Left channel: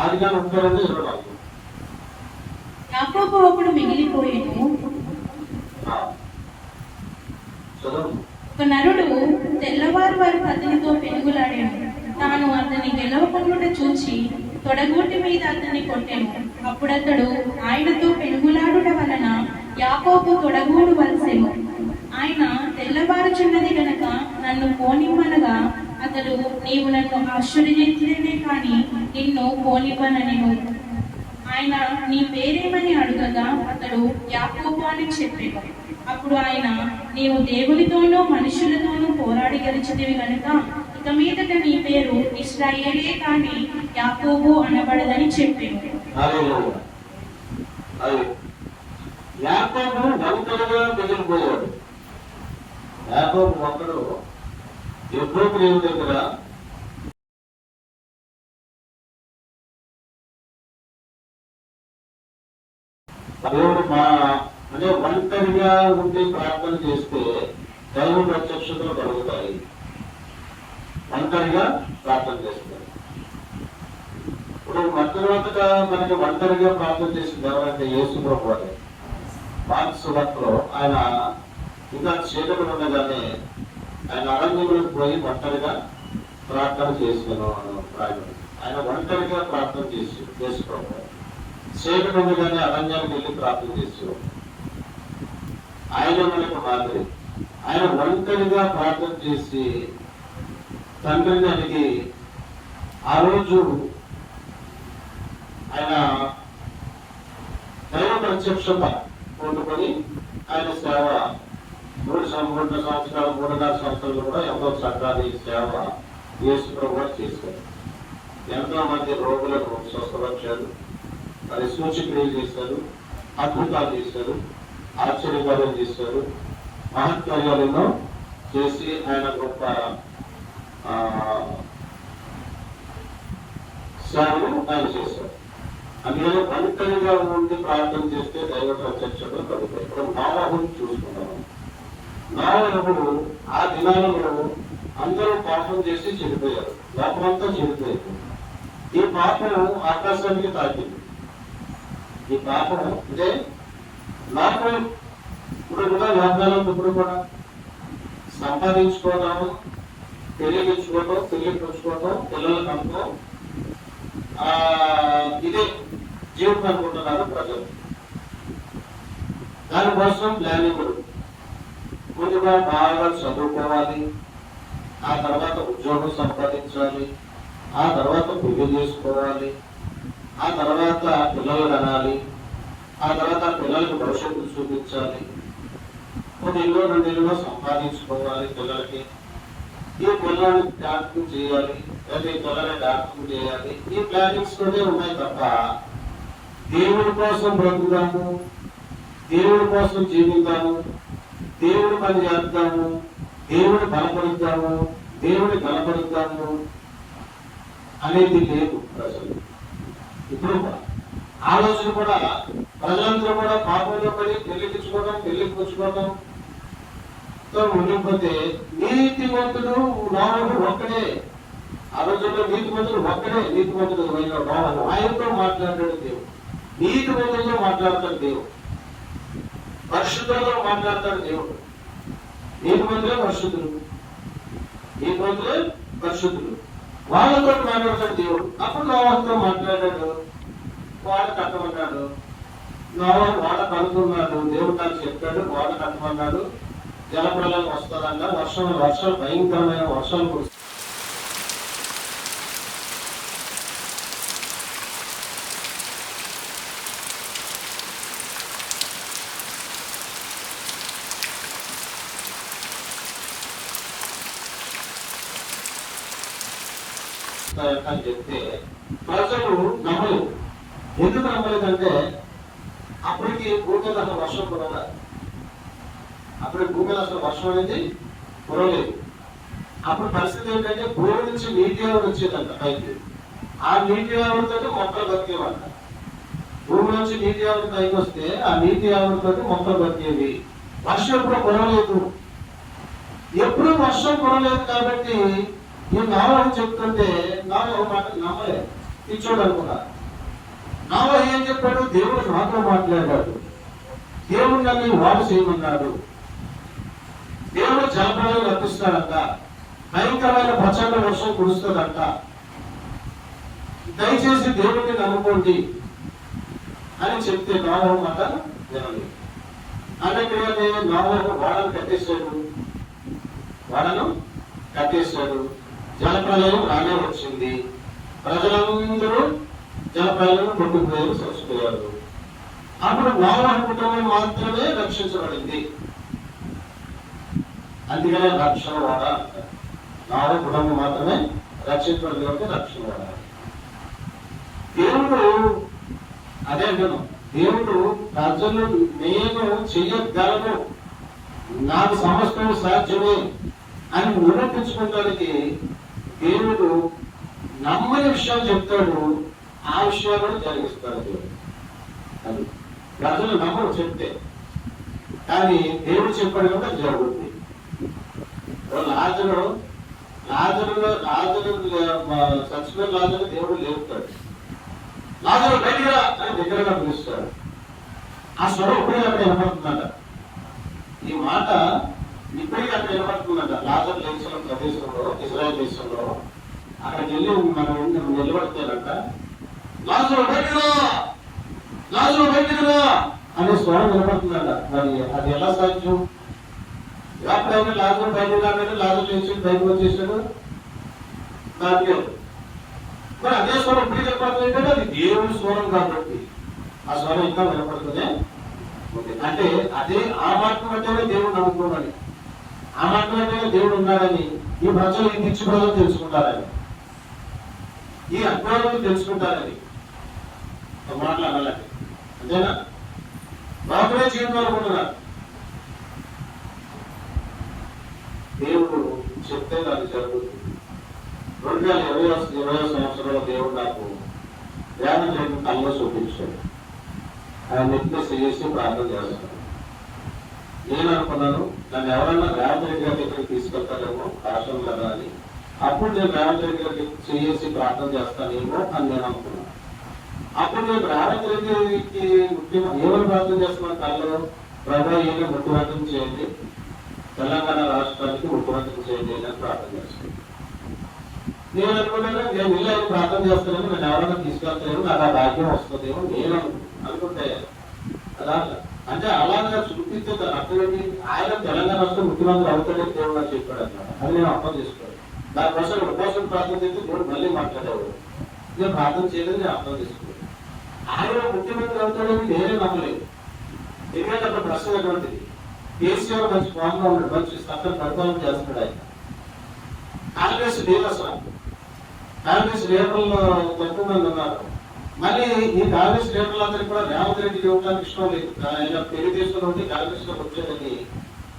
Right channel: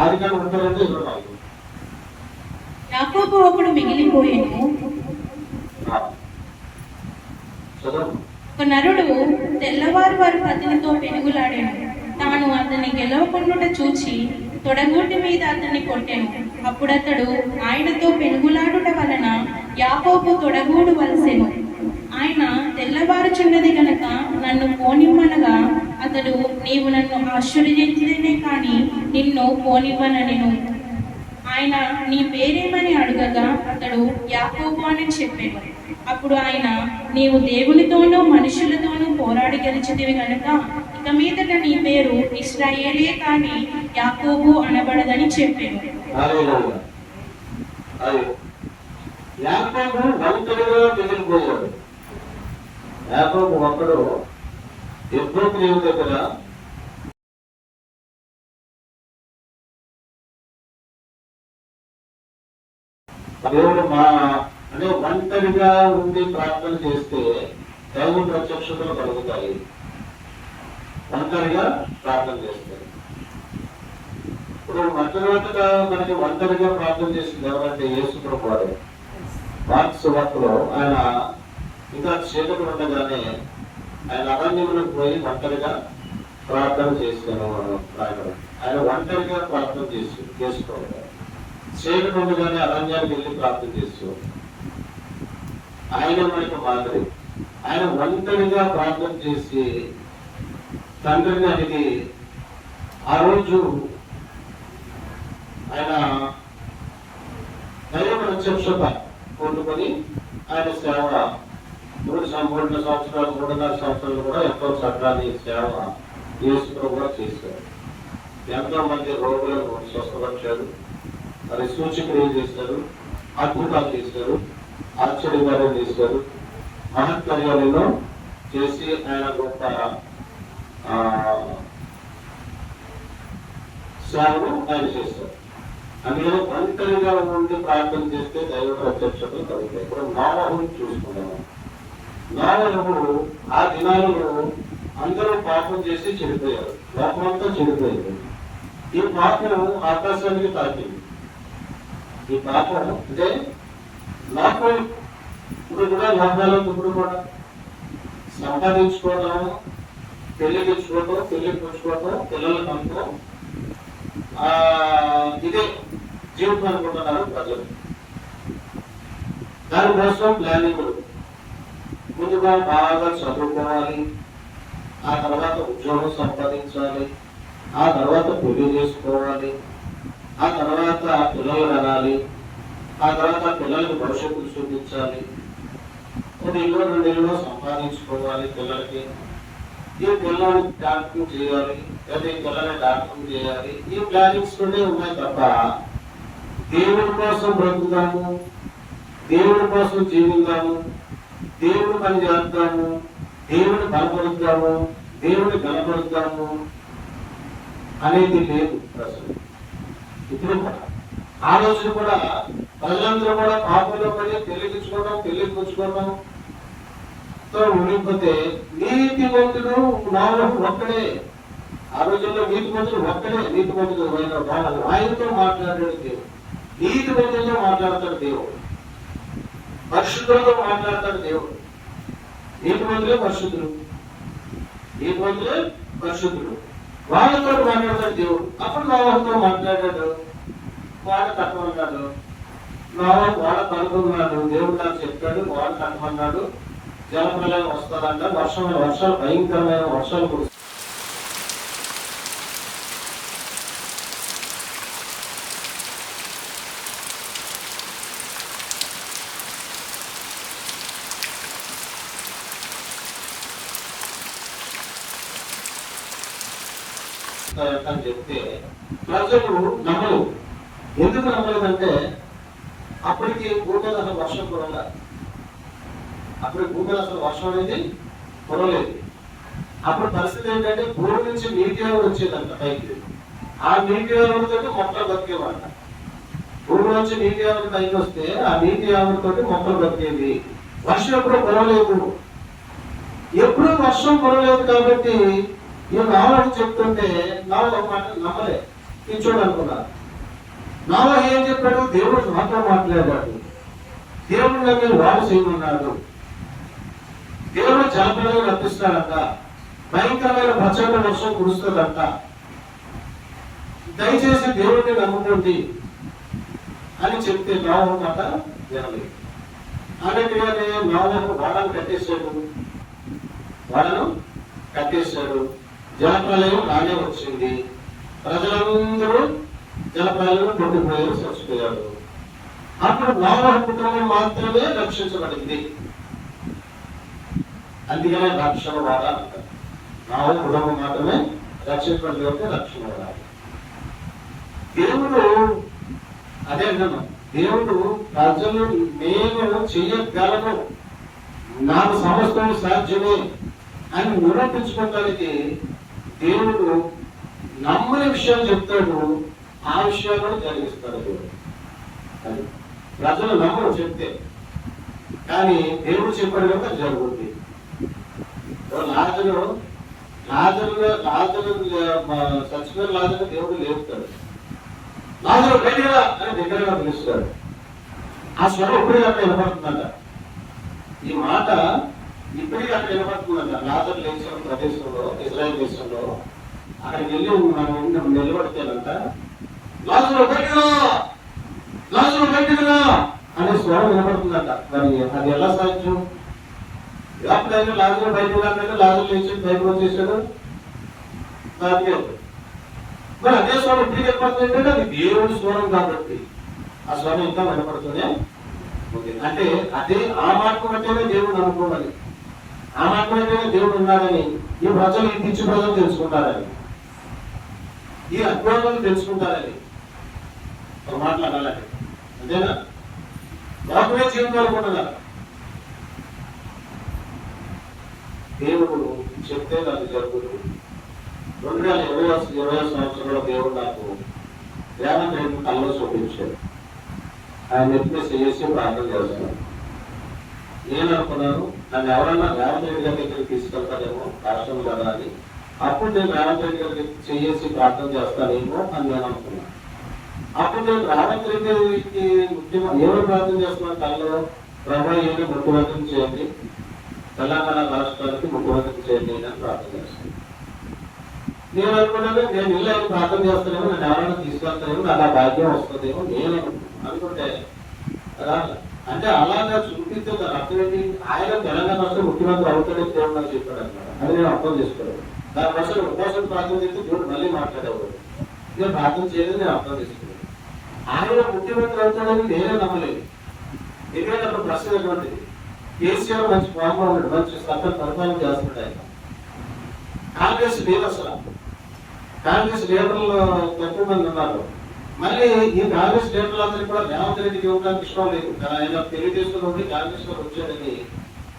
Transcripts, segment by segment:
ఆదికాండం 32:25. యాకోబు ఒకడు మిగిలిపోయాను. ఒక నరుడు తెల్లవారు వారి అతనితో పెనుగులాడాను. తాను అతన్ని గెలవకుండా చూచి తొడగూటి మీద అతన్ని కొట్టాను. అప్పుడతడు ఆయనతో పెనుగులాడుట వలన యాకోబు తొడగూడు వలసెను. ఆయన తెల్లవారుచున్నది గనక నన్ను పోనిమ్మనగా అతడు, నీవు నన్ను ఆశ్చర్యనే కాని నిన్ను పోనివ్వనెను. ఆయన, నీ పేరేమని అడుగగా అతడు యాకోబు అని చెప్పాడు. అప్పుడు ఆయన, నీవు దేవునితోనూ మనుషులతోనూ పోరాడి గెలిచితివి గనక ఇక మీదట నీ పేరు ఇశ్రాయేలే కాని యాకోబు అనబడదని చెప్పాడు. యాకోబు ఒంటరిగా మిగిలిపోయాడు. యాకోబు ఒక్కడు ఎప్పుడూ దేవుని దగ్గర దేవుడు అనే ఒంటరిగా ఉండి ప్రార్థన చేస్తే దైవ ప్రత్యక్షతలు కలుగుతాయి. ఒంటరిగా ప్రార్థన చేస్తారు. ఇప్పుడు మొట్టమొదటిగా మనకి ఒంటరిగా ప్రార్థన చేసింది ఎవరంటే యేసు ప్రభువు వారు. మార్కు సువార్తలో ఆయన ఇంకా చీకటి ఉండగానే ఆయన అరణ్యములకు పోయి ఒంటరిగా ప్రార్థన చేశాను. ఆయన ఒంటరిగా ప్రార్థన చేసుకోవాలి. చీకటి ఉండగానే అరణ్యానికి వెళ్ళి ప్రార్థన చేసేవాడు. ఆయన మనకు మాదిరి. ఆయన ఒంటరిగా ప్రార్థన చేసి తండ్రిని అడిగి ఆ రోజు ఆయన దైవ ప్రత్యక్షత పొందుకొని ఆయన సేవ 3 సంవత్సరాలు 3.5 సంవత్సరాలు కూడా ఎంతో చక్కని సేవ యేసు ప్రభువు చేశారు. ఎంతో మంది రోగులకు స్వస్థపరిచారు, మరి సూచక్రియలు చేశారు, అద్భుతాలు చేశారు, ఆశ్చర్యకార్యం చేశారు, మహత్కార్యాలను చేసి ఆయన గొప్ప సేవను ఆయన చేశారు. అందులో ఒంటరిగా ఉండి ప్రార్థన చేస్తే దైవ ప్రత్యక్షత కలుగుతాయి. ఇప్పుడు నోవహును చూసుకున్నాము. నోవహు ఆ దినాలలో అందరూ పాపం చేసి చెడిపోయారు. లోకమంతా చెడిపోయారు. ఈ పాపం ఆకాశానికి తాకింది. ఈ పాపం అంటే నాకు ఇప్పుడు కూడా లోకాలను ఇప్పుడు కూడా సంపాదించుకోవడం, పెళ్లిగించుకోవడం, పెళ్లి పుచ్చుకోవడం, పిల్లలకు అనుకో ఇదే జీవితం అనుకుంటున్నారు ప్రజలు. దానికోసం ప్లానింగ్ ముందుగా బాగా చదువుకోవాలి, ఆ తర్వాత ఉద్యోగం సంపాదించాలి, ఆ తర్వాత పెళ్లి చేసుకోవాలి, ఆ తర్వాత పిల్లలు కనాలి, ఆ తర్వాత పిల్లలకు భవిష్యత్తు చూపించాలి, 1 ఇల్లు 2 ఇల్లు సంపాదించుకోవాలి, పిల్లలకి ఈ పిల్లల్ని డాక్టరింగ్ చేయాలి, లేదా ఈ పిల్లల్ని డాక్టరింగ్ చేయాలి. ఈ ప్లానింగ్స్ తోనే ఉన్నాయి తప్ప దేవుడి కోసం బ్రతుకుదాము, దేవుడి కోసం జీవిద్దాము, దేవుడి పని చేద్దాము, దేవుడిని బలపరుద్దాము, దేవుడిని కనపరుద్దాము అనేది లేదు అసలు. ఇప్పుడు ఆ రోజు కూడా ప్రజలందరూ కూడా పాపంలో పడి పెళ్లించుకోవడం, పెళ్లి పుచ్చుకోవడం తో ఉండిపోతే నీతిమంతుడు నోవహు ఒక్కడే. ఆ రోజుల్లో నీతిమంతుడు ఒక్కడే. నీతిమంతుడు నోవహు. ఆయనతో మాట్లాడాడు దేవుడు. నీతిమంతులతో మాట్లాడతాడు దేవుడు. పరిశుద్ధులతో మాట్లాడతాడు దేవుడు. నీతిమంతులే పరిశుద్ధులు, నీతిమంతులే పరిశుద్ధులు. వాళ్ళతో మాట్లాడతాడు దేవుడు. అప్పుడు నోవహుతో మాట్లాడాడు. వాడు కట్టమన్నాడు. నోవహు వాడు కనుక్కున్నాడు. దేవుడు నాకు చెప్పాడు, వాడు కట్టమన్నాడు. జలప్రలయం వస్తానంట. వర్షాలు భయంకరమైన వర్షాలు కురుస్తాయి. అని చెప్తే ప్రజలు నమ్మలు. ఎందుకు నమ్మలేదంటే అప్పటికి భూమి మీద అసలు వర్షం కురవాలి. అప్పుడు భూమి మీద అసలు వర్షం అనేది కురలేదు. అప్పుడు పరిస్థితి ఏంటంటే భూమి నుంచి నీటి ఆవిడ వచ్చేదంట పైకి. ఆ నీటి ఆవిడతో మొక్కలు బతికేవంట. భూమి నుంచి నీటి ఆవిడ పైకి వస్తే ఆ నీటి ఆవిడతో మొక్కలు బతికేవి. వర్షం ఎప్పుడు కురవలేదు. ఎప్పుడు వర్షం కురవలేదు కాబట్టి ఈ నోవహు చెప్తుంటే నోవహు మాట నమ్మలే. పిచ్చోడు అనుకున్నా. నోవహు ఏం చెప్పాడు? దేవుడు నాతో మాట్లాడాడు, దేవుడు నన్ను వాడు చేయమన్నాడు, దేవుడు జలప్రలయం రప్పిస్తాడంట, భయంకరమైన ప్రచండ వర్షం కురుస్తుందంట, దయచేసి దేవుడిని నమ్ముకోండి అని చెప్తే నోవహు మాట వినలేదు. అన్నట్టుగానే నోవహు వాడను కట్టేశాడు. జలప్రలయం రానే వచ్చింది. ప్రజలందరూ జలప్రలయం కొట్టుకుపోయారు, చచ్చిపోయారు. అప్పుడు నోవహు కుటుంబం మాత్రమే రక్షించబడింది. అందుకనే రక్షణ వాడ అంటారు. నోవహు కుటుంబం మాత్రమే రక్షించబడింది, రక్షణ వాడాలి. దేవుడు అదే అంటున్నాం, దేవుడు ప్రజలు నేను చెయ్యగలను, నాకు సమస్తం సాధ్యమే అని నిరూపించుకోవడానికి దేవుడు నమ్మని విషయాలు చెప్తాడు, ఆ విషయాలు జరిగిస్తాడు దేవుడు. అది ప్రజలు నమ్మరు చెప్తే, కానీ దేవుడు చెప్పాడు కనుక జరుగుతుంది. లాజరు చచ్చిపోయిన లాజరు దేవుడు లేపుతాడు. లాజరు బయటగా అని దగ్గరగా పిలుస్తాడు. ఆ స్వరం ఇప్పుడే అక్కడ వినపడుతుందట. ఈ మాట ఇప్పటికీ అక్కడ వినపడుతుందట. లాజరు లేచిన ప్రదేశంలో, ఇజ్రాయెల్ దేశంలో అక్కడికి వెళ్ళి నిలబడతారంట. లాజరు బయటగా, లాజరు బయటగా అనే స్వరం వినపడుతుందట. మరి అది ఎలా సాధ్యం? ఎప్పుడైనా లాజరు బయటకు రాగానే లాజరు లేచి బయటకు వచ్చేసాడు, బతికాడు. మరి అదే స్వరం ఇప్పుడు వినపడుతుంది, అది దేవుడి స్వరం కాబట్టి ఆ స్వరం ఇంకా వినపడుతూనే ఉంది. అంటే అదే ఆ మాట బట్టే దేవుడు నమ్ముకోవాలి, ఆ మాట బట్టే దేవుడు ఉన్నాడని ఈ ప్రజలు, ఈ పిచ్చి ప్రజలు తెలుసుకుంటారని, ఈ అజ్ఞానులు తెలుసుకుంటారని మాట్లాడాలి. అంతేనా? లోకమే జీవితం అనుకుంటున్నారు. దేవుడు చెప్తే నాకు జరుగుతుంది. 2020 సంవత్సరంలో దేవుడు నాకు రేవంత్ రెడ్డి కళ్ళు చూపించాడు. ఆయన నెట్నెస్ చేసి ప్రార్థన చేస్తాను. నేను అనుకున్నాను, నన్ను ఎవరైనా రేవంత్ రెడ్డి గారి దగ్గరికి తీసుకెళ్తారేమో రాష్ట్రం కదా అని. అప్పుడు నేను రేవంత్ రెడ్డి గారికి చేసి ప్రార్థన చేస్తానేమో అని నేను అనుకున్నాను. అప్పుడు నేను రేవంత్ రెడ్డికి ఏమో ప్రార్థన చేస్తున్నాను, కళ్ళు ప్రభావం ఏమి ముఖ్యమంత్రి చేయండి, తెలంగాణ రాష్ట్రానికి ముఖ్యమంత్రి చేయండి అని ప్రార్థన చేస్తున్నాను. నేను అనుకున్నాను, నేను ఇల్లు ఆయన ప్రార్థన చేస్తానేమో, నేను ఎవరైనా తీసుకెళ్తానేమో, నాకు ఆ భాగ్యం వస్తుందేమో నేను అనుకుంటే అలా. అంటే అలాగా చూపిస్తే అర్థమేంటి? ఆయన తెలంగాణ రాష్ట్ర ముఖ్యమంత్రి అవుతాడని దేవుడు చెప్పాడు అన్నమాట. అది నేను అర్థం చేసుకోవాలి. దానికోసం ఉపవాసం ప్రార్థన చేస్తే దేవుడు మళ్ళీ మాట్లాడేవాడు. నేను ప్రార్థన చేయలేదు, నేను అర్థం చేసుకోలేదు. ఆయన ముఖ్యమంత్రి అవుతాడని నేనే నమ్మలేదు. ఎందుకంటే అప్పుడు ప్రశ్న ఎటువంటిది? కేసీఆర్ మంచి ఫామ్ లో ఉన్నాడు, మంచి సత్తా పరిపాలన చేస్తున్నాడు. ఆయన కాంగ్రెస్ లేదు, అసలు కాంగ్రెస్ లీడర్లు తక్కువ మంది ఉన్నారు. మళ్ళీ ఈ కాంగ్రెస్ లీడర్లందరికీ కూడా రేవంత్ రెడ్డికి ఇవ్వడానికి ఇష్టం లేదు. ఆయన తెలుగుదేశం నుండి కాంగ్రెస్ లో వచ్చాడని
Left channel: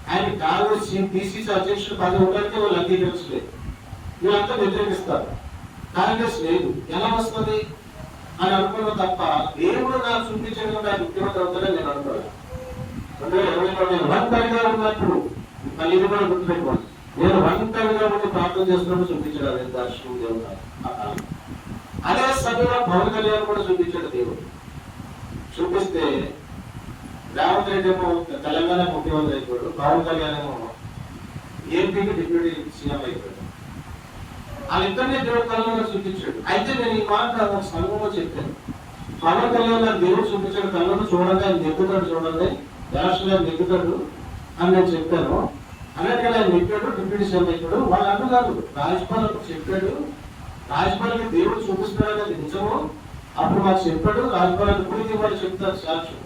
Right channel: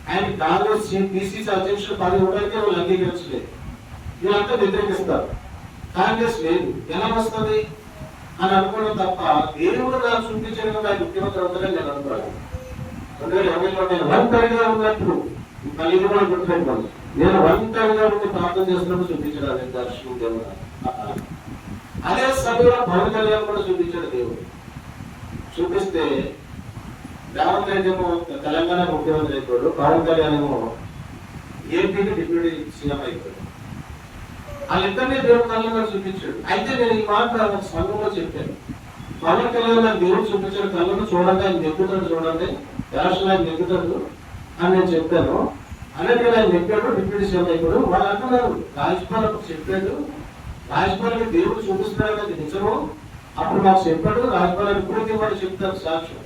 ఆయన కాంగ్రెస్ పిసిసి అధ్యక్షుడు 10 ఉండడానికి వాళ్ళు అంగీకరించలేదు. వీళ్ళంతా వ్యతిరేకిస్తారు. కాంగ్రెస్ లేదు, ఎలా వస్తుంది అని అనుకున్నాం తప్ప దేవుడు నాకు చూపించడం ఆయన ముఖ్యమంత్రి అవుతాడని నేను అనుకోవాలి. 2020లో నేను ఒంటరిగా ఉన్నప్పుడు, మళ్ళీ ఇది కూడా గుర్తుపెట్టుకోండి, నేను ఒంటరిగా ఉండి ప్రార్థన చేస్తున్నప్పుడు చూపించడానికి దర్శనం దేవుడు. అదే సమయంలో పవన్ కళ్యాణ్ కూడా చూపించాడు దేవుడు. చూపిస్తే రేవంత్ రెడ్డి ఏమో తెలంగాణ ముఖ్యమంత్రి అయిపోయాడు, పవన్ కళ్యాణ్ ఏమో ఏపీకి డిప్యూటీ సీఎం అయిపోయాడు. వాళ్ళిద్దరినీ దేవుడు కళ్ళలో చూపించాడు. అయితే నేను ఈ మాట సంఘంలో చెప్పాను, పవన్ కళ్యాణ్ నాకు దేవుడు చూపించాడు, కళ్ళను చూడండి, ఆయన నెగ్గుతాడు, చూడండి రాష్ట్రంలో ఆయన నెగ్గుతాడు అని నేను చెప్పాను. అన్నట్టుగా ఆయన నెగ్గాడు, డిప్యూటీ సీఎం అయిపోయాడు. వాళ్ళు అంటున్నారు రాజ్యపాల్ చెప్పాడు, రాజ్యపాల్కి దేవుడు చూపిస్తున్నాడు, అది నిజము, అప్పుడు మాకు చెప్పాడు, రాజ్యపాల్ ఇప్పటికీ వాళ్ళు చెప్తారు సాక్ష్యం.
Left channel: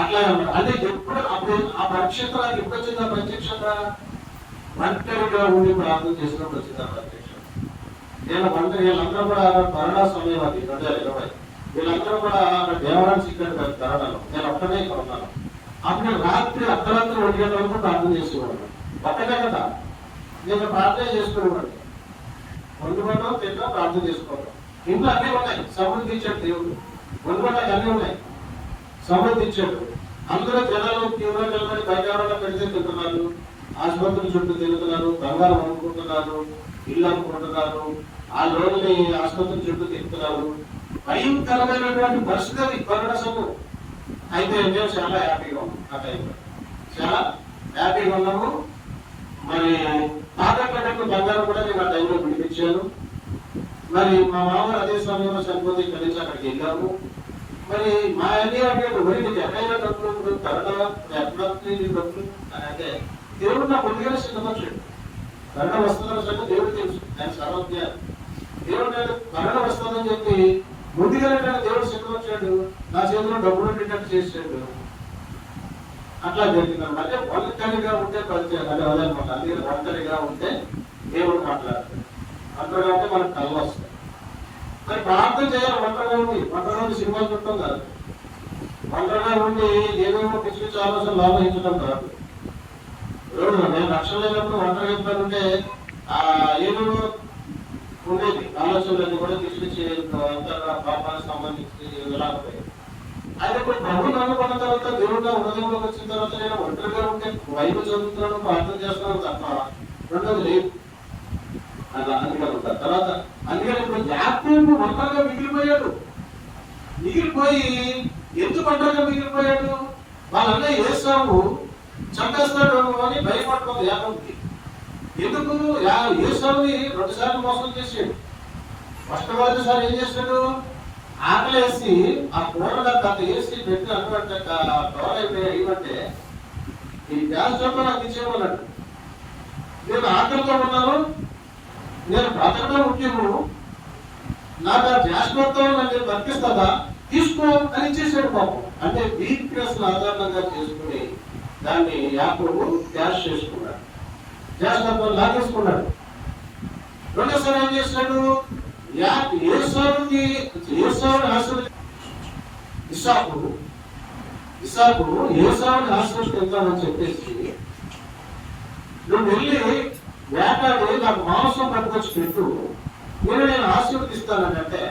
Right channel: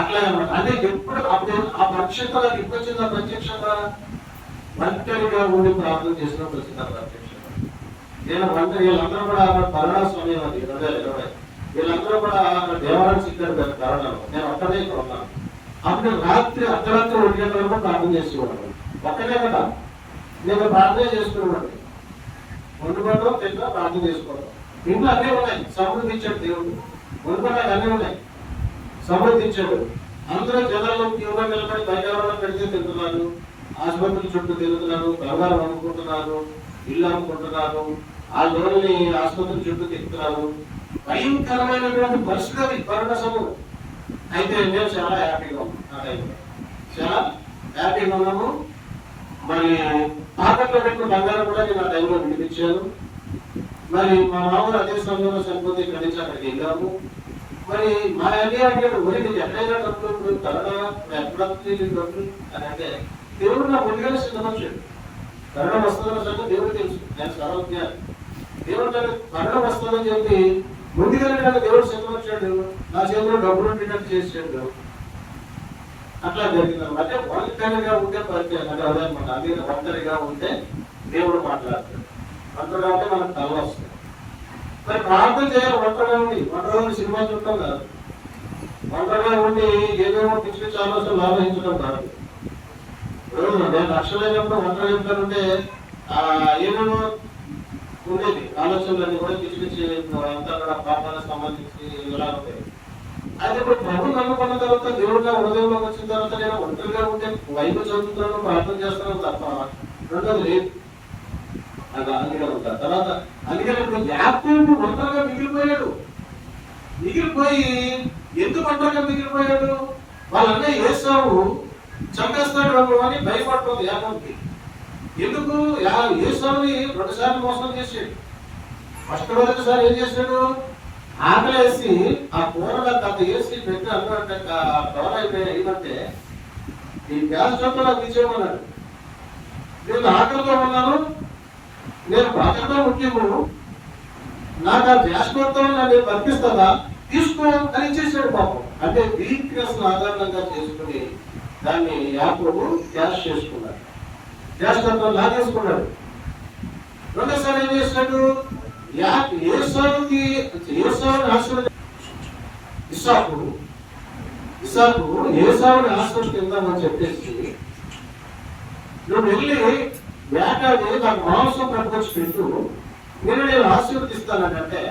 అట్లా అన్నమాట. అంటే ఎప్పుడు అప్పుడు ఆ ప్రత్యక్షత నాకు ఎప్పుడు వచ్చింది? ఆ ప్రత్యక్షత ఒంటరిగా ఉండి ప్రార్థన చేసినప్పుడు వచ్చింది ఆ ప్రత్యక్షత. నేను వీళ్ళందరూ కూడా కరోనా సమయం అది 2020, వీళ్ళందరూ కూడా దేవాలయం ఇక్కడ కరోనాలో, నేను ఒక్కడే ఇక్కడ ఉన్నాను. అప్పుడు రాత్రి అర్ధరాత్రి 1 గంటల వరకు ప్రార్థన చేసేవాడు. ఒక్కడే కదా, నేను ప్రార్థన చేసుకునేవాడిని. వండుకోవడం, తింటాం, ప్రార్థన చేసుకోవడం. ఇంట్లో అన్నీ ఉన్నాయి, సమృద్ధి ఇచ్చాడు దేవుడు. వండుకోవడానికి అన్నీ ఉన్నాయి, సమృద్ధి ఇచ్చాడు. అందరూ జనాలు 20 నిలబడి బయట ఎవరైనా పెడితే తింటున్నారు, ఆసుపత్రుల చుట్టూ తిరుగుతున్నారు, బంగారం అమ్ముకుంటున్నారు, ఇల్లు అమ్ముకుంటున్నారు, ఆ రోజుని ఆసుపత్రి చుట్టూ తిప్పుతున్నారు. భయంకరమైనటువంటి పరిస్థితి కరోనా సమయం. అయితే మేము చాలా హ్యాపీగా ఉన్నాం. ఆ టైంలో చాలా హ్యాపీగా ఉన్నాము. మరి పాత్రలో పెట్టిన బంగారం కూడా నేను ఆ టైంలో విడిపించాను. మరి మా మామూలు అదే సమయంలో చనిపోతే ఇక్కడి నుంచి అక్కడికి వెళ్ళాము. మరి మా అన్ని అడిగాడు, మరి నీకు ఎక్కడైనా డబ్బులు కరోనా ఎక్కడ డబ్బులు అని అంటే దేవుడు నా ముందుగానే సిద్ధపరిచాడు. కరోనా వస్తుందని సంగతి దేవుడు తెలుసు, ఆయన సర్వజ్ఞానం. దేవుడు కరోనా వస్తుందని చెప్పి ముందుగానే నన్ను దేవుడు సిద్ధపరిచాడు. నా చేతిలో డబ్బులు ఉండేటట్టు చేసాడు. అట్లా జరిగింది. అంటే ఒంటరిగా ఉంటే పరిచయం అంటే అదనమాట. అది ఒంటరిగా ఉంటే దేవుడు మాట్లాడతాడు. ఒంటరిగా ఉంటే మనకు కళ్ళు వస్తాయి. మరి ప్రార్థన చేయాలి. ఒంటరిగా ఉండి సినిమా చూడటం కాదు. ఒంటరిగా ఉండి ఏమేమో పిచ్చి పిచ్చి ఆలోచనలు ఆలోచించడం కాదు. నేను రక్షణైనప్పుడు ఒంటరిగా చెప్తానంటే ఏమేమో ఉండేది ఆలోచనలన్నీ కూడా తీసుకొచ్చి అంతగా పాపాలకు సంబంధించి ఇలా ఉంటాయి. అయితే ఇప్పుడు ప్రభు నమ్ముకున్న తర్వాత దేవుడిగా హృదయంలోకి వచ్చిన తర్వాత నేను ఒంటరిగా ఉంటే బైబిల్ చదువుతున్నాను, ప్రార్థన చేస్తాను తప్ప రెండోది లేదు. అందుకే తర్వాత అందుకని ఇప్పుడు యాకోబు ఒంటరిగా మిగిలిపోయాడు. మిగిలిపోయి ఎందుకు ఒంటరిగా మిగిలిపోయాడు? వాళ్ళ అన్నయ్య ఏసావు చంపేస్తాడు అని భయపడుతుంది యాకోబుకి. ఎందుకు? ఏసావుని 2 సార్లు మోసం చేసాడు. మొట్టమొదటిసారి ఏం చేశాడు? ఆకలేసి ఆ కూరలో అంత వేసి పెట్టి అనుకుంటే కవర్ అయిపోయి ఈ గ్యాస్ చంప నాకు తీసేయమన్నాడు. నేను ఆకలితో ఉన్నాను, నేను బ్రతకడం ముఖ్యము, నాకు ఆ గ్యాస్ మొత్తం నన్ను బతికిస్తుందా, తీసుకో అని ఇచ్చేసాడు పాపం. అంటే వీక్నెస్ ఆధారంగా చేసుకుని దాన్ని యాకోబు క్యాష్ చేసుకున్నాడు. గ్యాస్ మొత్తం లాగేసుకున్నాడు. రెండోసారి ఏం చేశాడు? ఏసావుని ఆశ్రయిస్తామని చెప్పేసి నువ్వు వెళ్ళి వేటాడి నాకు మాంసం పట్టుకొచ్చి పెట్టు, నేను ఆశీర్వదిస్తానంటే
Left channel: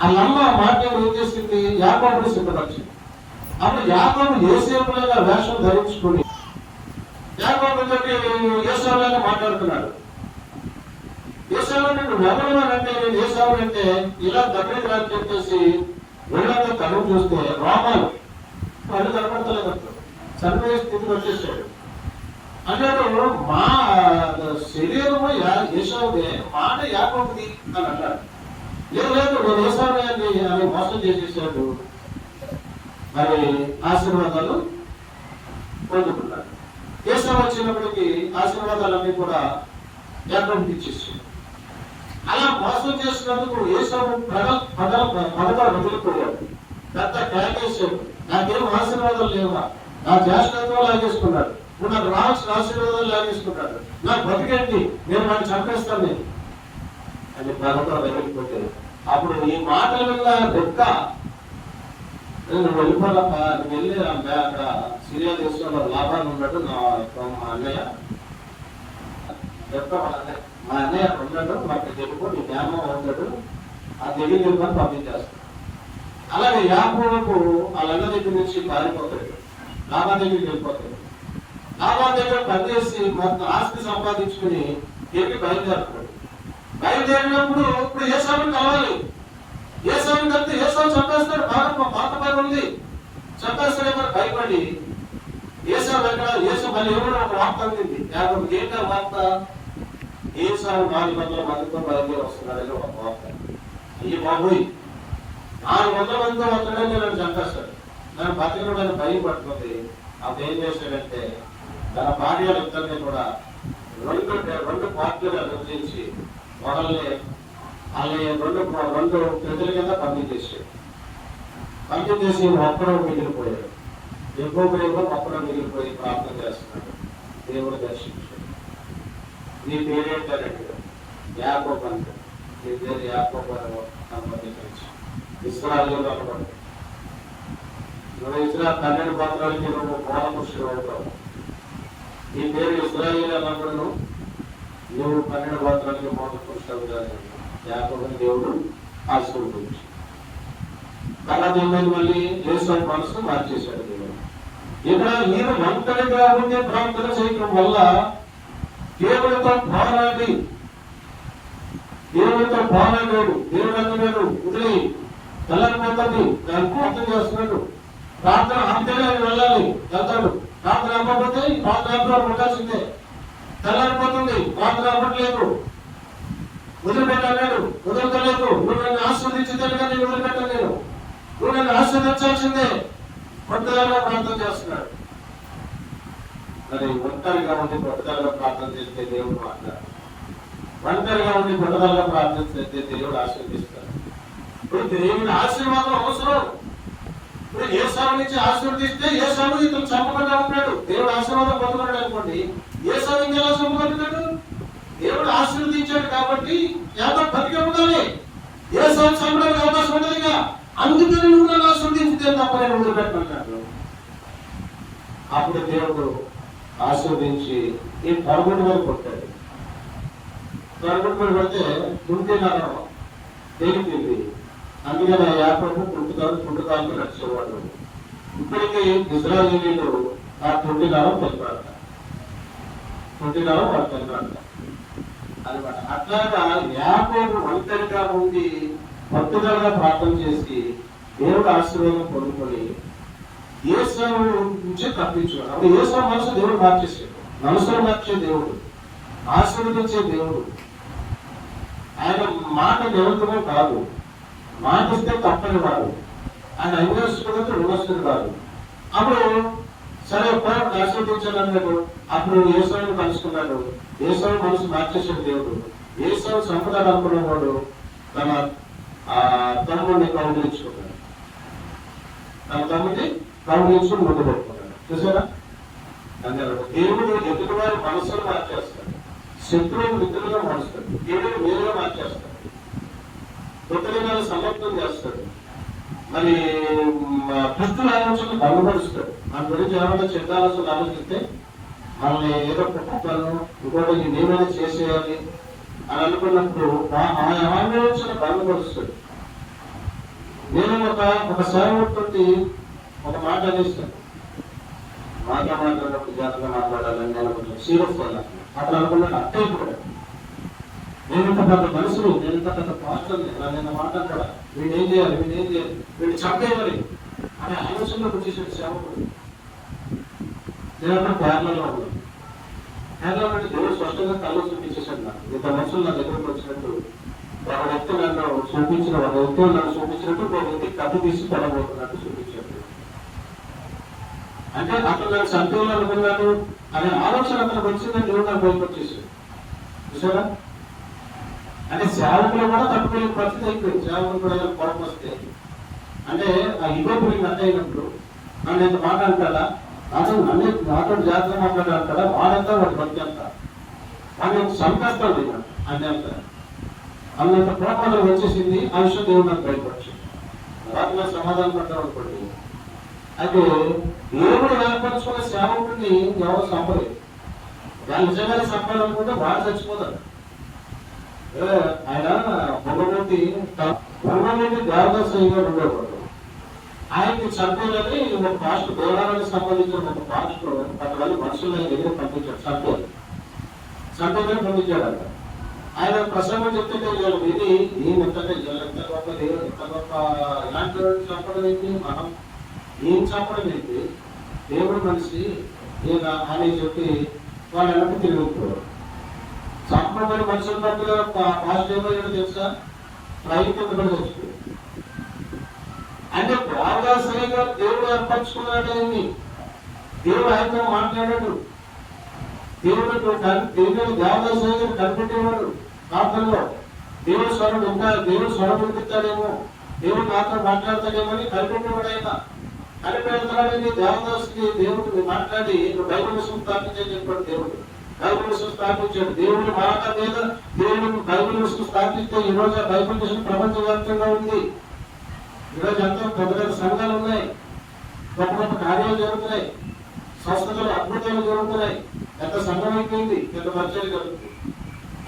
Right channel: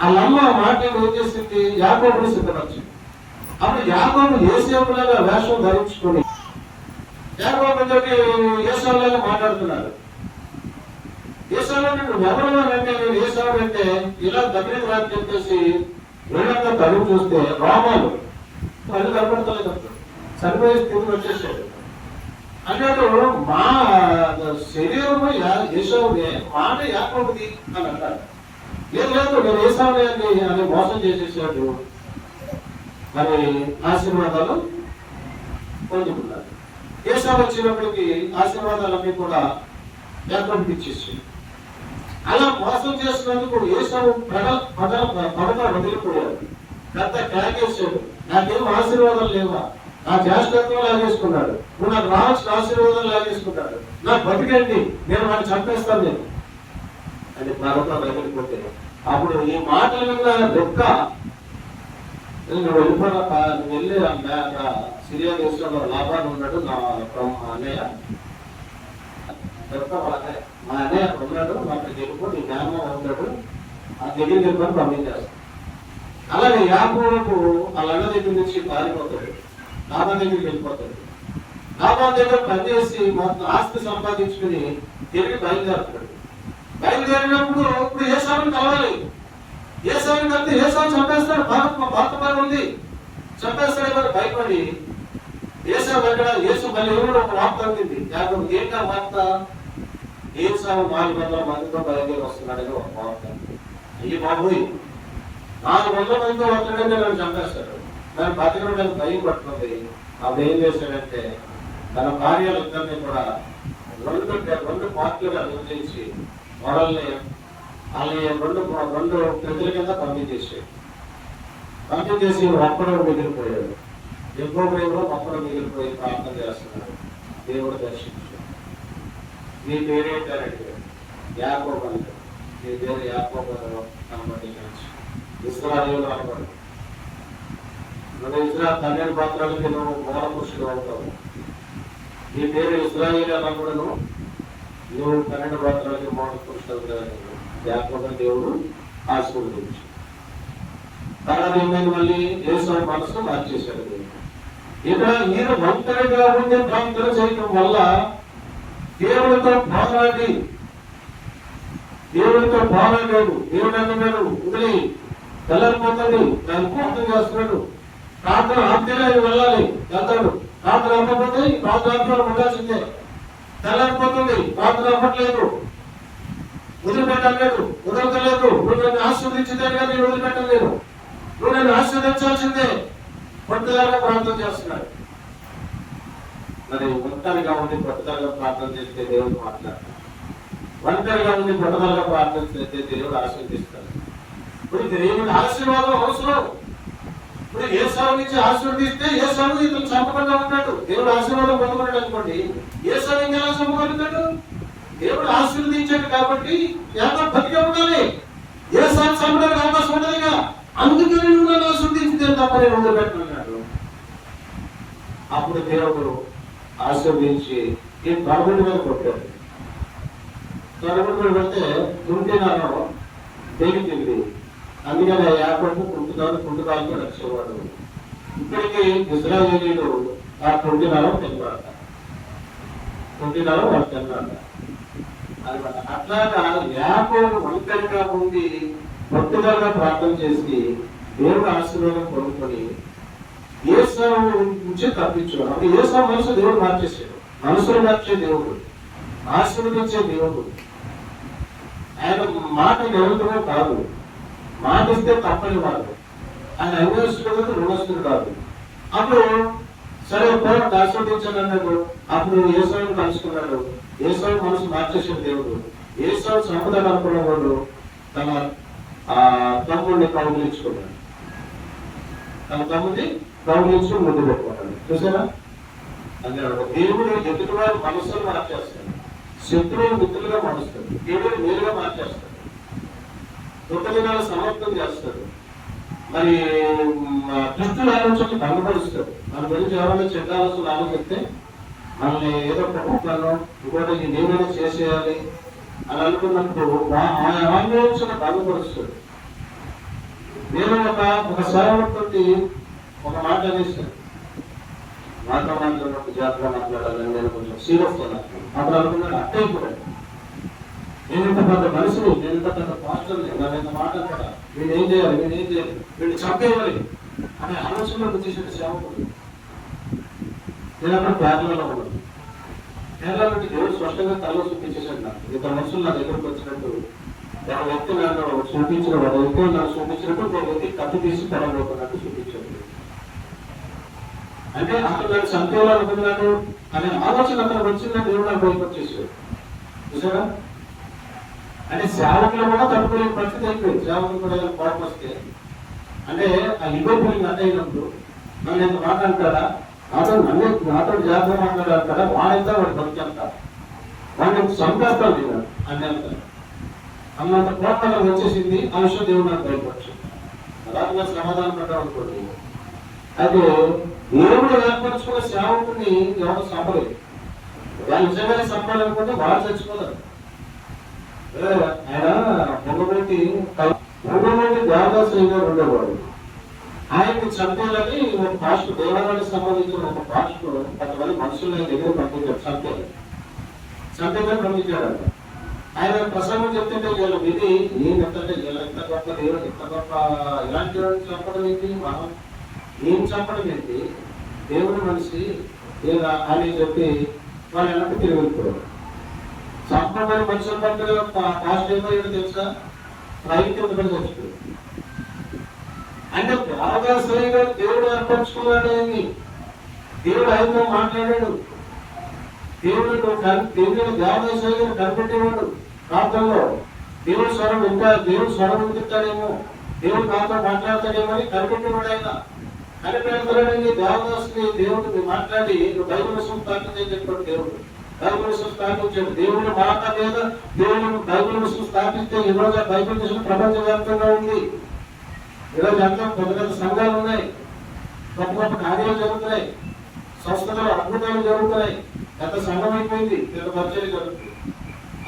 వాళ్ళమ్మ మాట ఏం చేసింది? యాకోబుని సిద్ధపరిచింది. అప్పుడు యాకోబు యోసేపులాగా వేషం ధరించుకుని యాకోబు చెప్పి ఏసావులాగా మాట్లాడుతున్నాడు. ఏసావు నువ్వు ఎవరు అంటే నేను ఏసావు అంటే ఇలా దగ్గరికి రాని చెప్పేసి వెళ్ళంగా తరువు చూస్తే రోమాలు అది కనపడతలేదు. చనిపోయే స్థితికి వచ్చేసాడు. అన్నాడు మా శరీరము ఏసావుదే, మాట యాకోబుది అని అన్నాడు. లేదు నేను ఏసావునే అని మోసం చేసేసాడు. మరి ఆశీర్వాదాలు పొందుకున్నాడు. ఏసావు వచ్చినప్పటికీ ఆశీర్వాదాలన్నీ కూడా యాకోబుకి ఇచ్చేసాడు. అలా మోసం చేసినందుకు ఏసావు పడగా వదిలిపోయాడు. పెద్ద కేకేసాడు, నాకేం ఆశీర్వాదాలు లేవా, నా జాస్తిత్వం లాగేసుకున్నాడు, నువ్వు నాకు రావాల్సిన ఆశీర్వాదాలు లాగేసుకున్నాడు, నాకు బతికండి, నేను వాడిని చంపేస్తాను నేను అని పడగా వదిలిపోతే అప్పుడు ఈ మాటల మీద దెక్క వెళ్ళి అక్కడ సిరియా దేశంలో లాభాలు ఉన్నాడు నా అన్నయ్య మా అన్నయ్య ఉన్నాడు, వాటి తెలుపు నీ జ్ఞానం ఉన్నాడు, ఆ దగ్గర చెప్పని పంపించేస్తాడు. అలాగే యాకోబు వాళ్ళ అన్న దగ్గర నుంచి పారిపోతాడు, లాభాన్ దగ్గరికి వెళ్ళిపోతాడు. లాభాన్ దగ్గర పనిచేసి మొత్తం ఆస్తి సంపాదించుకుని తిరిగి బయలుదేరుతాడు. బయలుదేరినప్పుడు ఇప్పుడు ఏసావుని కావాలి. ఏసావుని కలిపి ఏసావు చంపేస్తాడు. భారత పైన ఉంది, చంపేస్తాడు. భయపడి ఏసావు ఎక్కడ ఏసు మళ్ళీ ఎవరు ఒక వార్త అందింది. యాకోబు ఏంటా వార్త? ఏసావు 400 మందితో బయలుదేరి వస్తున్నాడని ఒక వార్త. ఈ బాబోయ్ 400 మందితో వస్తున్నాడని నన్ను చంపేస్తాడు. నన్ను బతికడం నన్ను భయం పట్టుకుంది. అప్పుడు ఏం చేశాడంటే తన భార్యలిద్దరిని కూడా రెండు పార్టీలుగా విభజించి గొడవల్ని వాళ్ళని రెండు ప్రజల కింద పంపించేసాడు. పంపించేసి ఒక్కడో మిగిలిపోయాడు. ఎక్కువ పేరు ఒక్కడో మిగిలిపోయి ప్రార్థన చేస్తున్నాడు. దేవుడు దర్శించాడు. నీ పేరేంటారంటే యాకోబు అంటే, నీ పేరు యాకోబు సంబంధించి ఇశ్రాయేలు అనబడి మన ఇజ్రాయెల్ 12 పాత్రలకి నువ్వు మూల పురుషుడు అవుతావు. నీ పేరు ఇశ్రాయేలు అనబడును, నువ్వు 12 పాత్రలకి మూల పురుషుడు. యాకోబుని దేవుడు ఆశీర్వదించాడు. తర్వాత ఏమైంది? మళ్ళీ యేసు మనసును మార్చేశాడు దేవుడు. ఈయన ఒంటరిగా ఉండే ప్రార్థన చేయడం వల్ల దేవుడితో పోరాడి దేవుడితో పోరాడాడు. దేవుడు అంటున్నాడు వదిలి తెల్లారిపోతుంది, దాన్ని ప్రార్థన చేస్తున్నాడు. ప్రార్థన అంతేనే వెళ్ళాలి, వెళ్తాడు. ప్రార్థన అవ్వకపోతే ప్రార్థన ఉండాల్సిందే. తెల్లారిపోతుంది, ప్రార్థన అవ్వట్లేదు, వదిలిపెట్టలేదు, వదలతలేదు. నువ్వు నన్ను ఆశీర్వదించితే కానీ వదిలిపెట్టలేదు, నువ్వు నన్ను ఆశీర్వదించాల్సిందే. పట్టుదలగా ప్రార్థన చేస్తున్నాడు. మరి ఒంటరిగా ఉండి పట్టుదలగా ప్రార్థన చేస్తే దేవుడు మాట్లాడతాడు. ఒంటరిగా ఉండి పట్టుదలగా ప్రార్థన చేస్తే దేవుడు ఆశీర్వదిస్తాడు. ఇప్పుడు దేవుని ఆశీర్వాదం అవసరం. ఇప్పుడు ఏసావు నుంచి ఆశీర్వదిస్తే ఏసావు ఇతను చంపకుండా ఉంటాడు. దేవుడు ఆశీర్వాదం పొందుకున్నాడు అనుకోండి, ఏసావు ఇంకా ఎలా చంపగలుగుతాడు? దేవుడు ఆశీర్వదించాడు కాబట్టి ఎంత బతిగా ఉండాలి. ఏసావు చంపడానికి అవకాశం ఉండదుగా. అందుకని నువ్వు నన్ను ఆశీర్వదించితే తప్ప నేను వదిలిపెట్టమన్నాడు. అప్పుడు దేవుడు ఆశీర్వదించి ఈ తరుగుడు మీద కొట్టాడు. తరుగుడు మీద పెడితే తుంటినాను తెగిపోయింది. అందుకని యాకోబు కుంటుకాలకు రక్షవాడు. ఇప్పటికీ ఇశ్రాయేలీయులు ఆ తుంటినాను తెగబడతారు, తుంటినాను వాడు తెగబడతారు అనమాట. అట్లాగా యాకోబు ఒంటరిగా ఉండి పట్టుదలగా ప్రార్థన చేసి దేవుడు ఆశీర్వాదం పొందుకొని ఏసావు నుంచి తప్పించాడు. అప్పుడు ఏసావు మనసు దేవుడు మార్చేసాడు. మనసును మార్చే దేవుడు, ఆశీర్వదించే దేవుడు. ఆయన మాట నిరంతరం కాదు, మాట ఇస్తే తప్పని వాడు. ఆయన అన్వేషకుడు రుణస్తుడు కాదు. అప్పుడు సరే పోరాడు ఆశీర్వదించాడు అన్నాడు. అప్పుడు ఏసావుని కలుసుకున్నాడు. ఏసావు మనసు మార్చేసాడు దేవుడు. ఏసావు సంపదాలు అనుకున్నవాడు తన తమ్ముడిని కౌగిలించుకున్నాడు. తన తమ్ముడిని కౌగిలించుకుని ముందు పెట్టుకున్నాడు. చూసారా? అందులో దేవుడు ఎదుటివారి మనసులు మార్చేస్తాడు, శత్రువులు మిత్రులుగా మారుస్తాడు, దేవుడు మేలుగా మార్చేస్తాడు, కృతజ్ఞతలు సమర్థం చేస్తాడు. మరి దుష్టుల ఆలోచనలు కనుగొలుస్తాడు. మన గురించి ఎవరైనా చెడ్డ ఆలోచనలు ఆలోచిస్తే మనల్ని ఏదో ప్రభుత్వాలు ఇంకోటి నేనైనా చేసేయాలి అని అనుకున్నప్పుడు ఆలోచన కనుగొలుస్తాడు. నేను ఒక సేవకుడికి ఒక మాట అనేస్తాను. మాట్లాడినప్పుడు జాగ్రత్తగా మాట్లాడాలని నేను కొంచెం సీరియస్ అన్నాను. అప్పుడు అనుకున్నాను అట్టే కూడా నేను ఇంత పెద్ద మనిషిని, నేను ఇంత పెద్ద పాస్టర్ని, నేను ఇంత మాట్లాడతాడా, వీడు ఏం చేయాలి, వీడిని చంపేయాలి అనే ఆలోచనలోకి వచ్చేసిన సేవకుడు. నేను అక్కడ కేరళలో ఉన్నాను. కేరళ నుండి దేవుడు స్పష్టంగా తల చూపించేసాడు. నాకు ఇంత మనుషులు నా దగ్గరకు వచ్చినట్టు ఒక వ్యక్తి నన్ను చూపించిన, ఒక వ్యక్తి నాకు చూపించినట్టు ఒక వ్యక్తి కప్పు తీసి పడబోకున్నట్టు చూపించాడు. అంటే అక్కడ నన్ను చంపేయాలనుకున్నాను అనే ఆలోచన అతనికి వచ్చిందని దేవుడు నాకు బయటకొచ్చేసాడు. చూసారా? అంటే సేవకులు కూడా తట్టుకునే పరిస్థితి అయిపోయింది. సేవకులు కూడా కోపం వస్తే అంటే ఆ ఇగో ఫీలింగ్ అంటే అయినప్పుడు నన్ను ఎంత మాట్లాడతాడా, నాతో జాగ్రత్త మాట్లాడతాడా, వాడంతా వాడు బతికేస్తా, వాడిని చంపేస్తాను నేను అన్నంత అన్నంత కోపాలు వచ్చేసింది. ఆ విషయం దేవుడు నాకు బయటపచ్చు. అలాగే నాకు సమాధానం పడ్డాం అనుకోండి. అయితే దేవుడు ఏర్పరచుకున్న సేవకుడిని ఎవరు చంపలేదు. వాళ్ళు నిజంగానే చంపాలనుకుంటే వాళ్ళు చచ్చిపోతారు. ఆయన పొంగబోటి దేవదాస్ గారు ఉండేవాడు. ఆయన్ని చంపేయాలని ఒక పాస్టర్, దేవాలయానికి సంబంధించిన ఒక పాస్టర్ 10 మంది మనుషులు ఆయన దగ్గర పంపించాడు. చంపేదని పంపించాడు. ఆయన ప్రసంగం చెప్తుంటే వీళ్ళ విధి ఏంటంటే ఎంత గొప్ప దేవుడు, ఎంత గొప్ప, ఇలాంటి వాళ్ళని చంపడం ఏంటి, మనం ఏం చంపడం ఏంటి, దేవుడు మనిషి ఏదా అని చెప్పి వాళ్ళు ఎలాంటి తిరుగుతారు. చంపమని మనుషుల పట్ల పాజిటివ్ ఏమో తెలుసా, రైతు కూడా చచ్చిపోయాడు. అంటే దేవదాసరిగా దేవుడు ఏర్పరచుకున్నాడు అని దేవుడు ఆయనతో మాట్లాడాడు. దేవుడు దేవదాసరిగా కనిపెట్టేవాడు. ప్రాంతంలో దేవుడు స్వరం ఇంకా దేవుడు స్వరం ఉండిస్తాడేమో, దేవుడు నాతో మాట్లాడతాడేమో అని కనిపెట్టేవాడు. ఆయన కనిపెడతాడని దేవదాసుని దేవుడిని మాట్లాడి నువ్వు బైబిల్ విషయం స్థాపించని చెప్పాడు. దేవుడు బైబిల్ విషయం స్థాపించాడు. దేవుని మాట మీద దేవుని బైబిల్ విషయం స్థాపిస్తే ఈరోజు ఆ బైబిల్ విషయం ప్రపంచవ్యాప్తంగా ఉంది. ఈరోజు ఎంతో పెద్ద పెద్ద సంఘాలు ఉన్నాయి, గొప్ప గొప్ప కార్యాలు జరుగుతున్నాయి, సంస్థలు అద్భుతాలు జరుగుతున్నాయి, ఎంత సంఘం అయిపోయింది, పెద్ద పరిచయం జరుగుతుంది.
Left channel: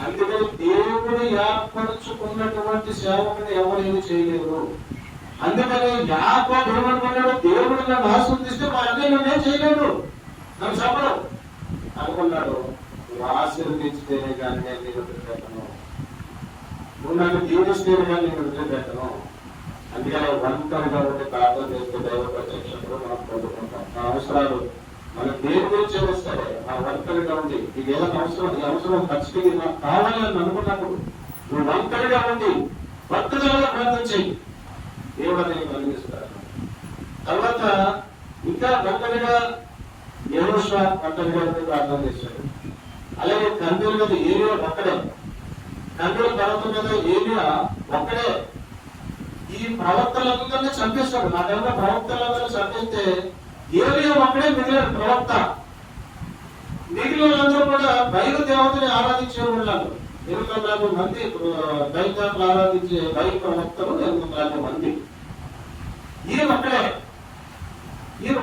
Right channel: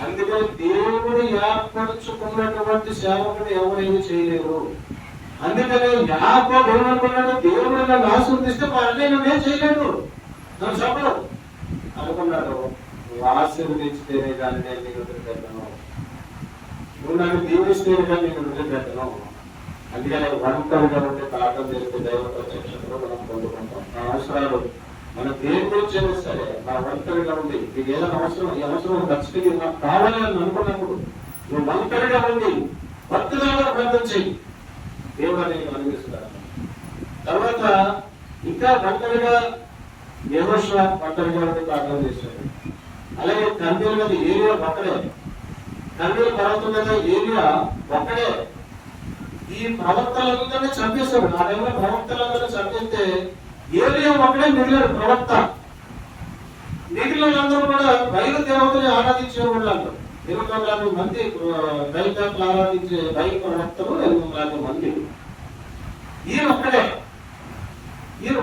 అందుకని దేవుడు ఏర్పరచుకున్నటువంటి సేవకుని ఎవరైనా చేయలేరు. అందుకని యాకోబు ఏమనుకున్నాడు, దేవుడు నన్ను ఆశీర్వదిస్తే మా అన్నీ నన్నేం చేయలేడు, నన్ను చెప్పడు అనుకున్నాడు. నువ్వు ఆశీర్వదించితేనే కానీ నేను నీకు పెట్టను, నువ్వు నన్ను దీవిస్తే కానీ నేను వదిలిపెట్టను. అందుకని ఒంటరిగా ఉంటే ప్రార్థన చేస్తే దైవ ప్రత్యక్షతలో మనం పొందుకుంటాం. మన అవసరాలు మన దేని గురించి సరే మన ఒంటరిగా ఉంది నీకు ఏదైనా అవసరం, ఈ అవసరం ఖచ్చితంగా నాకు కావాలి అని అనుకున్నప్పుడు నువ్వు ఒంటరిగా ఉండి పట్టుదలగా ప్రార్థన చేయి, దేవుడు నేను అందిస్తాను. తర్వాత ఇంకా ఒంటరిగా యెహోషువ ఒంటరిగా ఉండి ప్రార్థన చేశాడు. అలాగే కర్మేలు మీద ఏలియా ఒక్కడే, కర్మేలు పర్వతం మీద ఏలియా ఒక్కడే. ఈ ప్రవక్తలందరినీ చంపేశాడు. నా టైంలో ప్రవక్తలందరూ చంపిస్తే ఏలియా ఒక్కడే మిగిలాడు ప్రవక్త. మిగిలినందరూ కూడా బయలు దేవతని ఆరాధించే వాళ్ళు. 800 మంది బయలు దేవతలు ఆరాధించే బయలు ప్రవక్తలు 800 మంది. ఈయన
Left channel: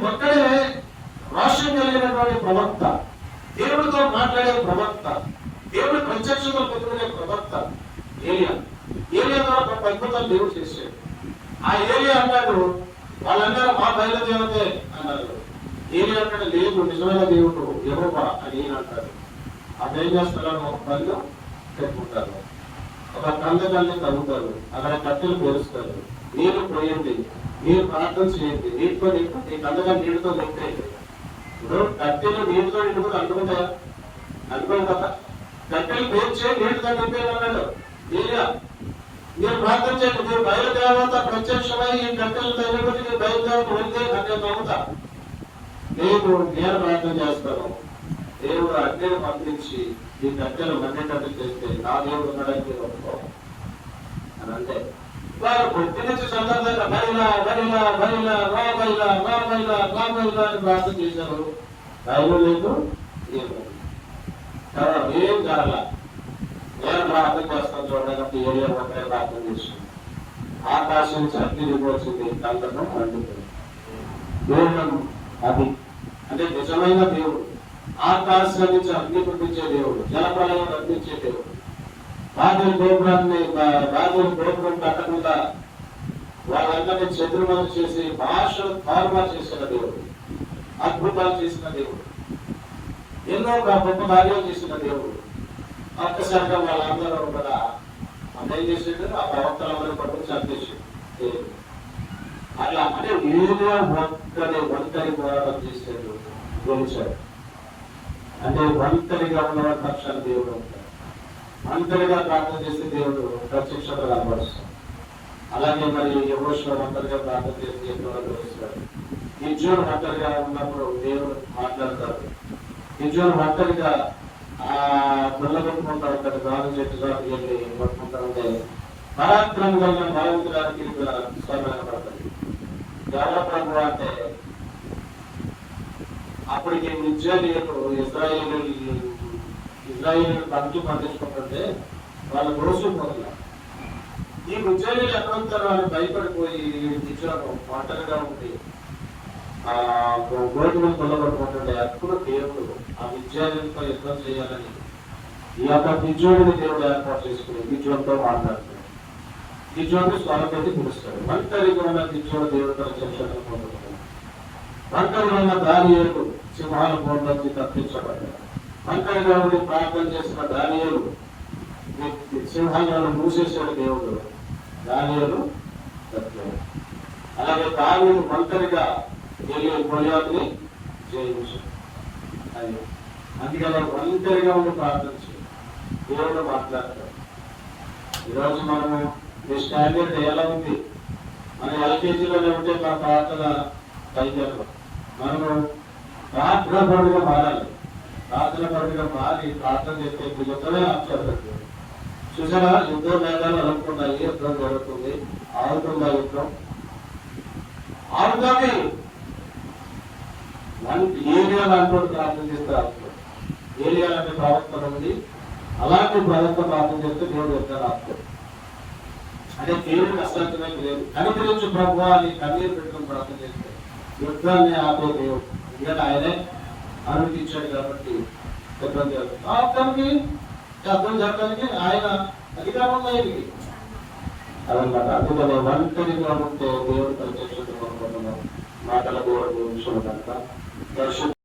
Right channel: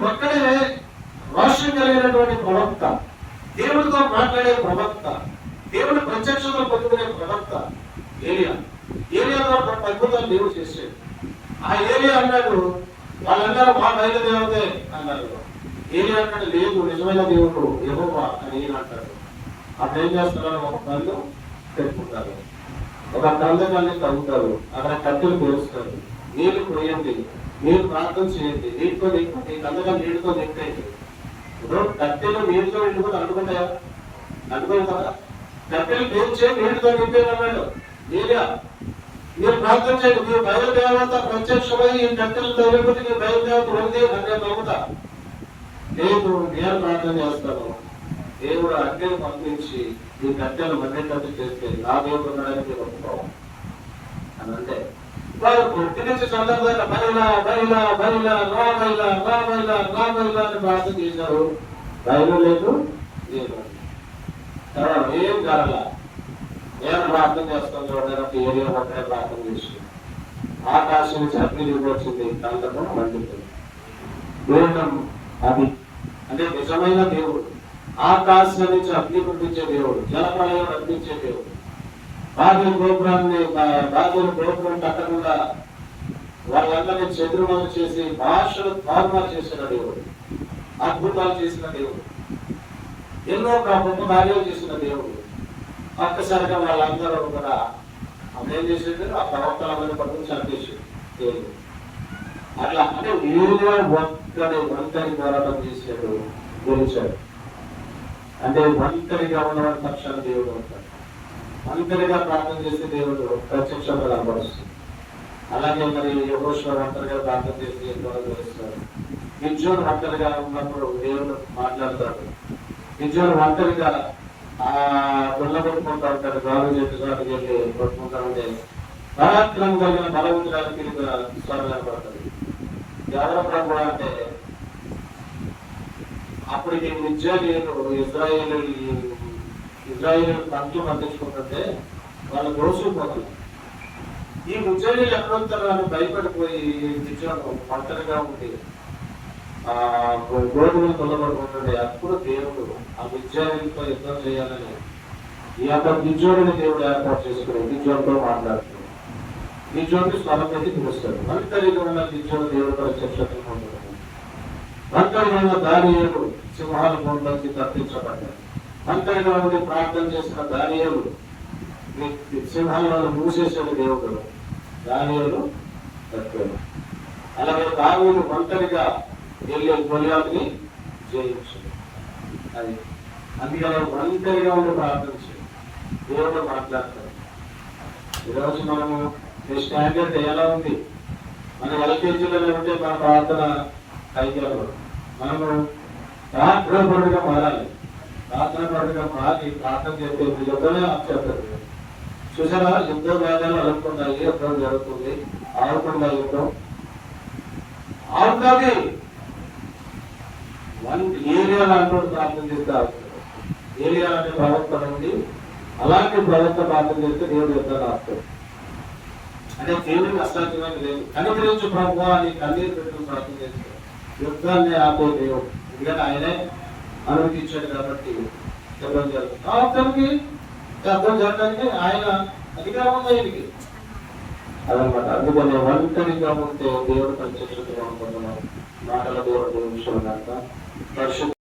ఒక్కడే రోషం కలిగినటువంటి ప్రవక్త, దేవుడితో మాట్లాడే ప్రవక్త, దేవుడి ప్రత్యక్షంలో పొందుకునే ప్రవక్త ఏలియా. ఏలియా ద్వారా అద్భుతాలు దేవుడు చేశాడు. ఆ ఏలియా అన్నాడు, వాళ్ళందరూ మా బయలుదేవతే అన్నారు. ఏలియా అన్నాడు, లేదు నిజమైన దేవుడు యెహోవా అని ఈయన అంటాడు. అప్పుడు ఏం చేస్తారని ఒక పనిలో పెట్టుకుంటారు, ఒక కందకాన్ని తవ్వుతారు, అక్కడ కట్టెలు పేరుస్తారు, నీరు పోయండి, మీరు ప్రార్థన చేయండి, నీటితో నింపి కందకాన్ని నీటితో నింపేయండి. ఇప్పుడు కట్టెలు నీటితో నిండుకుని అనుకుంటాయా? అనుకోదు కదా. కట్టెలు పేర్చే నీటితో నింపేయమన్నాడు ఏలియా. మీరు ప్రార్థన చేయండి, మీరు బయలుదేవత ప్రత్యక్షమై ఈ కట్టెలు తగిలిపోతే మీరు బయలుదేవత ఉంది అంటే నమ్ముతా. లేదు నేను ప్రార్థన చేస్తాను, దేవుడు అగ్నిని పంపించి ఈ కట్టెలు మండేటట్టు చేస్తే నా దేవుడు ఉండడానికి వస్తున్నాం అని అంటే వాళ్ళు పొట్టి నుంచి సందర్భంగా బయలా బయలా బయలా రా బయలా రా బయలా రా బయలా అని ప్రార్థన చేశారు. బయలు లేదు, ఏం జరగల. నేను ప్రార్థన చేస్తాను చూడడానికి ఏరియా మొత్తం ప్రార్థన చేస్తుంది. ఆకాశం నుంచి అగ్ని వచ్చింది, కళ్ళను మండుతుంది. దేవుడు అది అంటే నిజమైన దేవుడు. ఆకాశం నుంచి అగ్ని పంపించే దేవుడు, జలప్రలయం పంపించే దేవుడు. బాధ్యుల గోపురం కట్టకుండా వాళ్ళందరినీ చతురులను చేసి భాషలు తారుమారు చేసిన దేవుడు, అద్భుతాలు చేసిన దేవుడు, ఎన్నో గొప్ప కార్యాలు చేసిన దేవుడు. ఒక్కసారిగా వాళ్ళందరూ కూడా అదేం చేసేది, ఆ ప్రవక్తలందరూ పట్టుకుని చంపేసాడు దేవుడు. అట్లా అంటే ఏదో ఒంటరి పోరాటం చేశాడు, గెలిచాడు. అంటే ఒంటరిగా ఉన్నవాడు పక్షాన్ని దేవుడు అంటాడు. ఒంటరిగా ప్రార్థన చేసే దేవుడు ప్రత్యక్షంగా కనబడుస్తాడు. అలాగే మరి యెహోషువ ఒంటరిగా ప్రార్థన చేసి దేవుడు గెలుస్తాడు. గిద్యోను ఒంటరిగా ఉన్నప్పుడు దేవుడు మాట్లాడతాడు. గిద్యోను ఒంటరిగా ఆ గుల్ల కొట్టుకుంటా ఉంటాడు, గాలి చెట్టుగా కొట్టుకుంటా ఉంటే పరాక్రమం కలిగిన బలవంతురానికి స్వరం ఏర్పడుతుంది. ఎవరో ప్రభు అంటే అప్పటికి మిద్యానీయులు ఇజ్రాయేలు పంచి పండించుకుంటుంటే వాళ్ళు మోసుకుపోతున్నారు. ఈ మిద్యానీయులు ఎక్కడొస్తారు వాళ్ళు భయపడిపోయి మిద్యాను ఒంటరిగా ఉండి ఆ గోధుమలు తొలగొట్టుకుంటుండే. అప్పుడు దేవుడు ఆ మిద్యానీయులతో యుద్ధం చేయాలని ఈ యొక్క గిద్యోనుని దేవుడు ఏర్పాటు చేసుకుని గిద్యోనుతో మాట్లాడుతున్నాడు. గిద్యోనుని స్వరం పెట్టి పిలుస్తాడు. ఒంటరిగా ఉన్న గిద్యోను దేవుడు ప్రత్యక్షతను పొందుతున్నాడు. ఒంటరిగా ఉన్న దానియేలు సింహాల బోన్లోకి తప్పించబడ్డాడు. ఒంటరిగా ఉండి ప్రార్థన చేసిన దానియేలు సింహాలను మూసేశాడు దేవుడు. దానియేలు తప్పాడు. అలాగే దావీదు ఒంటరిగా వెళ్ళి గొలియాతుని జయించాడు. అది అందుకని ఒంటరిగా ఉండి ప్రార్థించాడు, దేవుడు మాట్లాడతాడు. ఈరోజు మనము మీ స్టాండర్డ్ ఎలా ఉంది? మన ఎల్కేజీలోనే ఉంటే మా ప్రార్థన కైగలరు. మనము ప్రార్థన పరుడుగా మారాలి. ప్రార్థన పరుడుగా మారి ప్రార్థన చేస్తే యుద్ధమే ఆపుచేస్తారు. చూసారా, యుద్ధ వేగాలు అనుకున్నాయి, యుద్ధం జరుగుతుంది, ఆగుతుందా యుద్ధం? ఆగుతుంది. ఏరియాలో అంటూ ప్రార్థన చేస్తే ఆగుతుంది. ఏరియా లాంటి ప్రవర్తన ఉంది, అలాంటి ప్రవర్తన ప్రార్థన చేస్తే దేవుడు యుద్ధాలు ఆపుతాడు. అంటే దేవుడికి అసాధ్యమైన లేదు. కనికరించు ప్రభు అని కన్నీరు పెట్టుకుని ప్రార్థన చేస్తే యుద్ధాన్ని ఆపే దేవుడు. ఎందుకంటే ఆయనే అనుమతించాడు కాబట్టి యుద్ధం జరుగుతుంది. ఆపుతానికి యుద్ధం జరగడానికి ఆయన అధికారం ఆయనకి అదనమాట. అందుకనే ఒంటరిగా ఉంటే దేవుడు ప్రత్యక్షత మాటల దేవుడు విషయం